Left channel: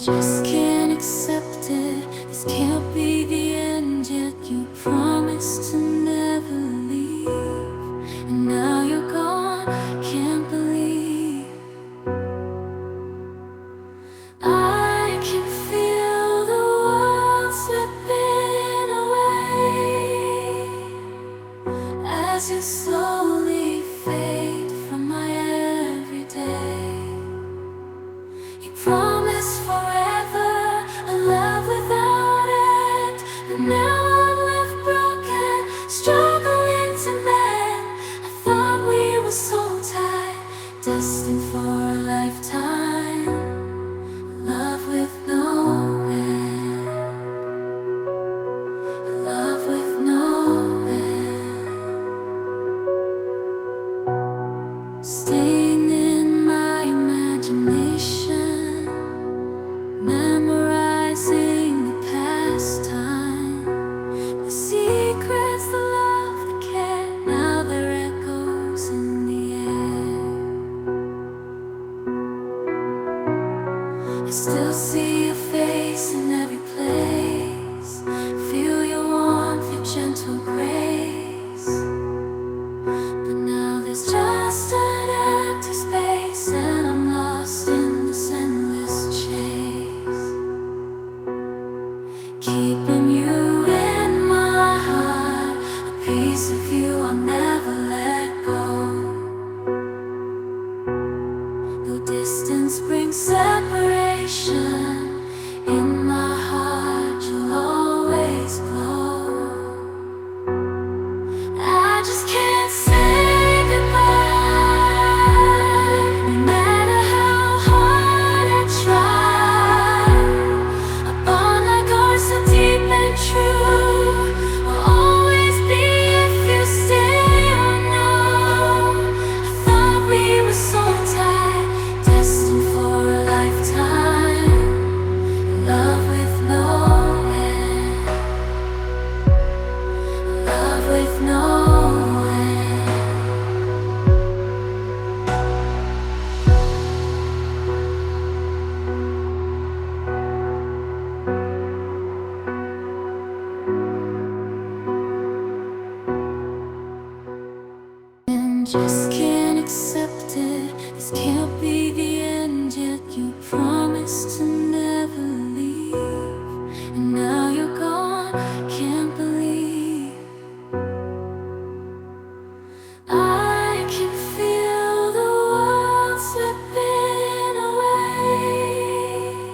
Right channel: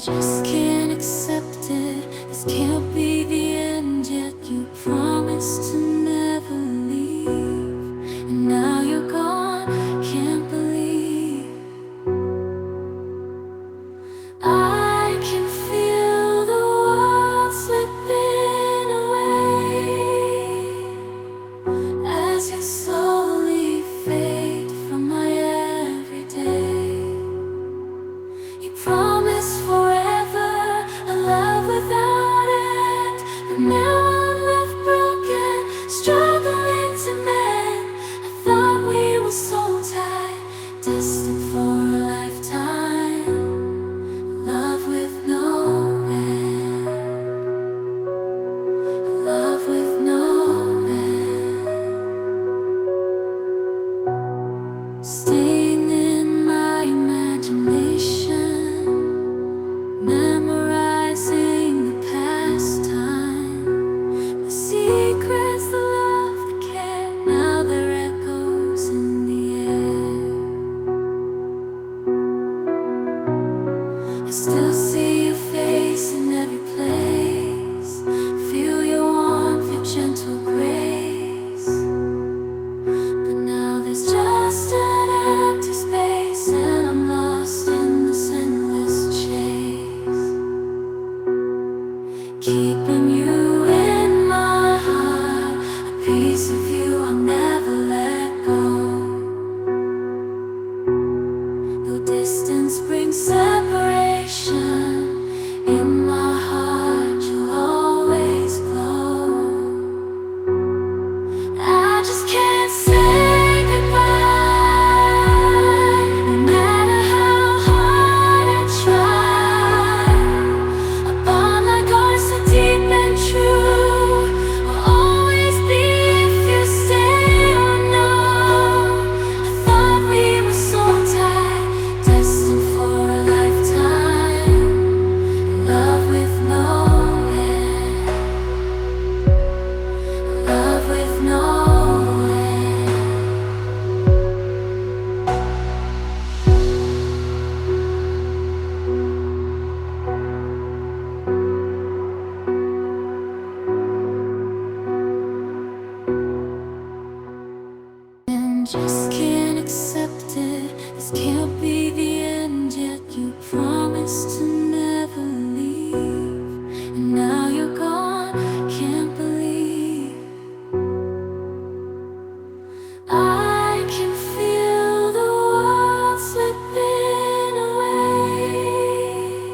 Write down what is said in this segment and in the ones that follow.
just can't accept it. This can't be the end, yet you promised to never leave. And now you're gone, can't believe. I can feel the world slipping away as you slowly fade from my everyday. You promised forever, a love without end, but now I'm left broken, struggling to mend. I thought we were so tight, destined for a lifetime, love with no end, love with no end. Staying in my imagination, memorizing the past time, the secrets, the love, the care. Now they're echoes in the air. I still see your face in every place, feel your warmth, your gentle grace. But now there's just an empty space, and I'm lost in this endless chase. Keeping you in my heart, a piece of you I'll never let go. Though distance brings separation, in my heart you'll always glow. I just can't say goodbye, no matter how hard I try. A bond like ours, so deep and true, will always be if you stay or no. I thought we were so tight, destined for a lifetime, love with no end, love with no end. And just can't accept it. This can't be the end, yet you promised to never leave. And now you're gone, can't believe. I can feel the world slipping away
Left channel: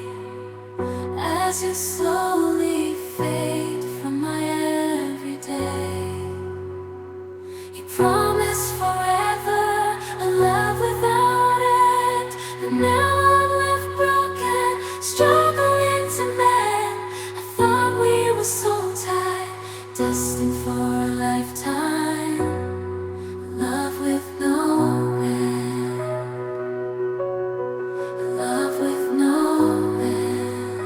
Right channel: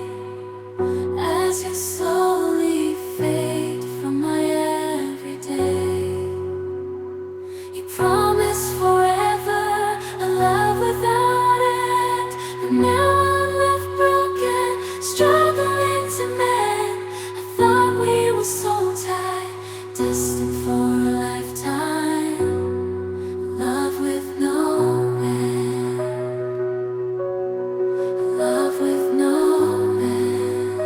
as you slowly fade from my everyday. You promised forever, a love without end, but now I'm left broken, struggling to mend. I thought we were so tight, destined for a lifetime, love with no end, love with no end.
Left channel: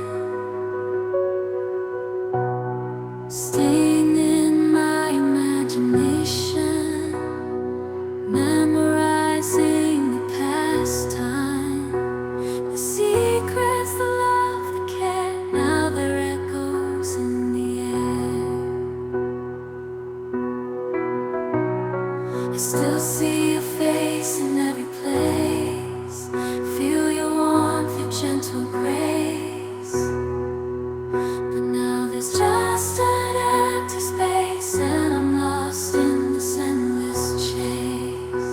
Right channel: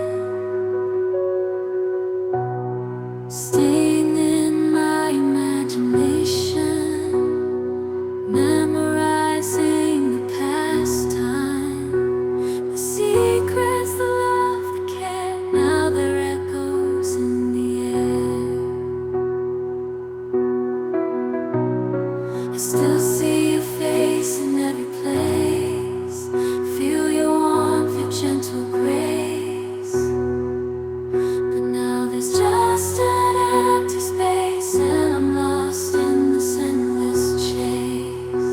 Staying in my imagination, memorizing the past time, the secrets, the love, the care. Now they're echoes in the air. I still see your face in every place, feel your warmth, your gentle grace. But now there's just an empty space, and I'm lost in this endless chase.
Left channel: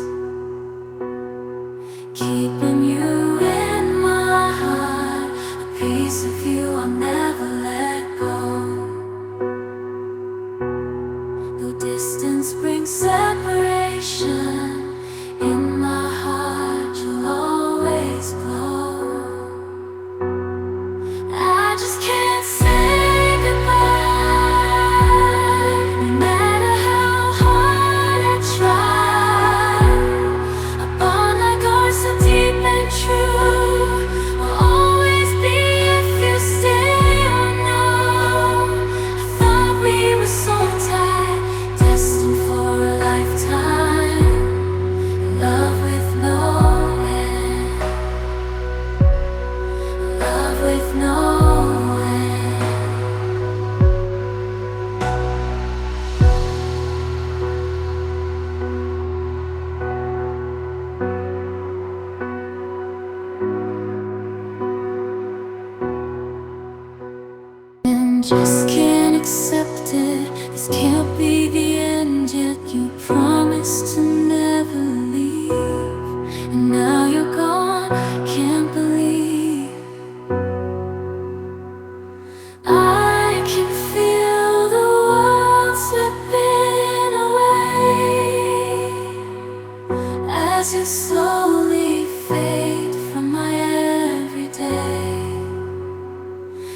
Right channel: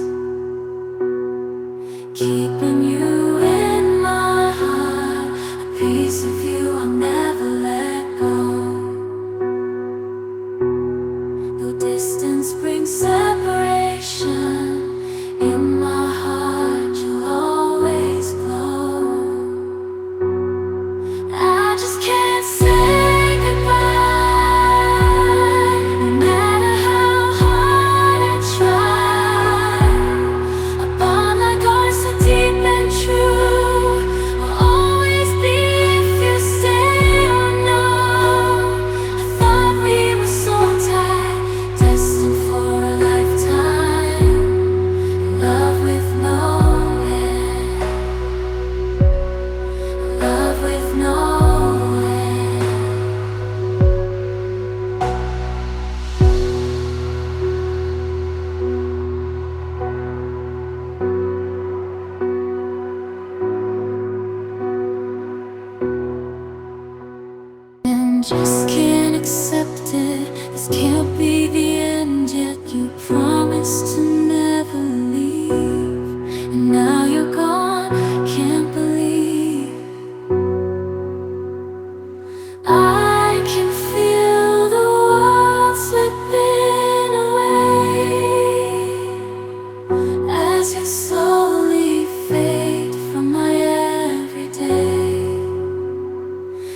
Keeping you in my heart, a piece of you I'll never let go. Though distance brings separation, in my heart you'll always glow. I just can't say goodbye, no matter how hard I try. A bond like ours, so deep and true, will always be if you stay Just can't accept it. This can't be the end yet. You promised to never leave, and now you're gone. Can't believe I can feel the world slipping away as you slowly fade from my everyday.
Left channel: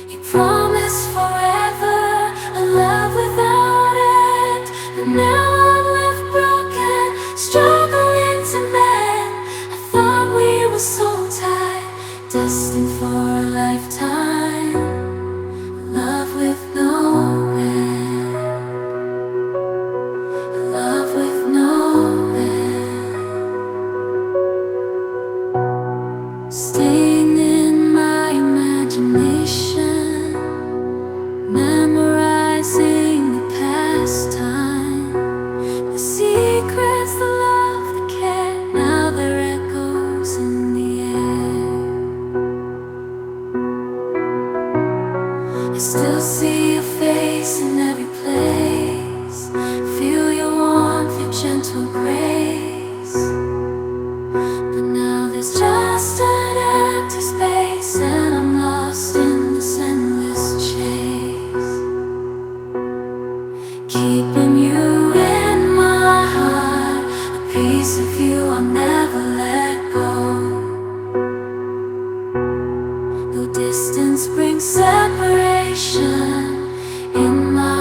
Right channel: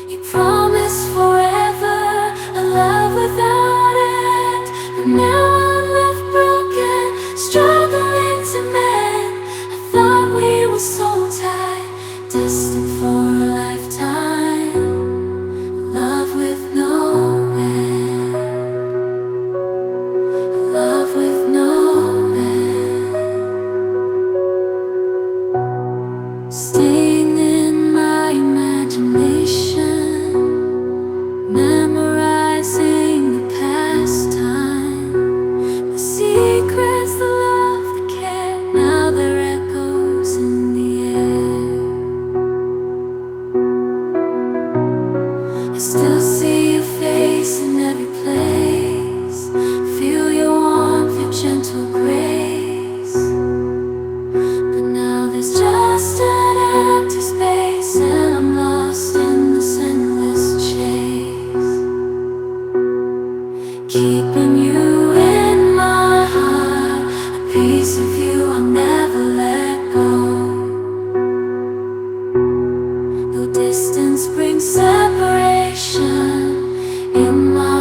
You promised forever, a love without end, but now I'm left broken, struggling to mend. I thought we were so tied, destined for a lifetime, love with no end, love with no end. Staying in my imagination, memorizing the past time, the secrets, the love, the care. Now they're echoes in the air. I still see your face in every place, feel your warmth, your gentle grace. But now there's just an empty space, and I'm lost in this endless chase, keeping you in my heart, a piece of you I'll never let go. Though distance brings separation, in my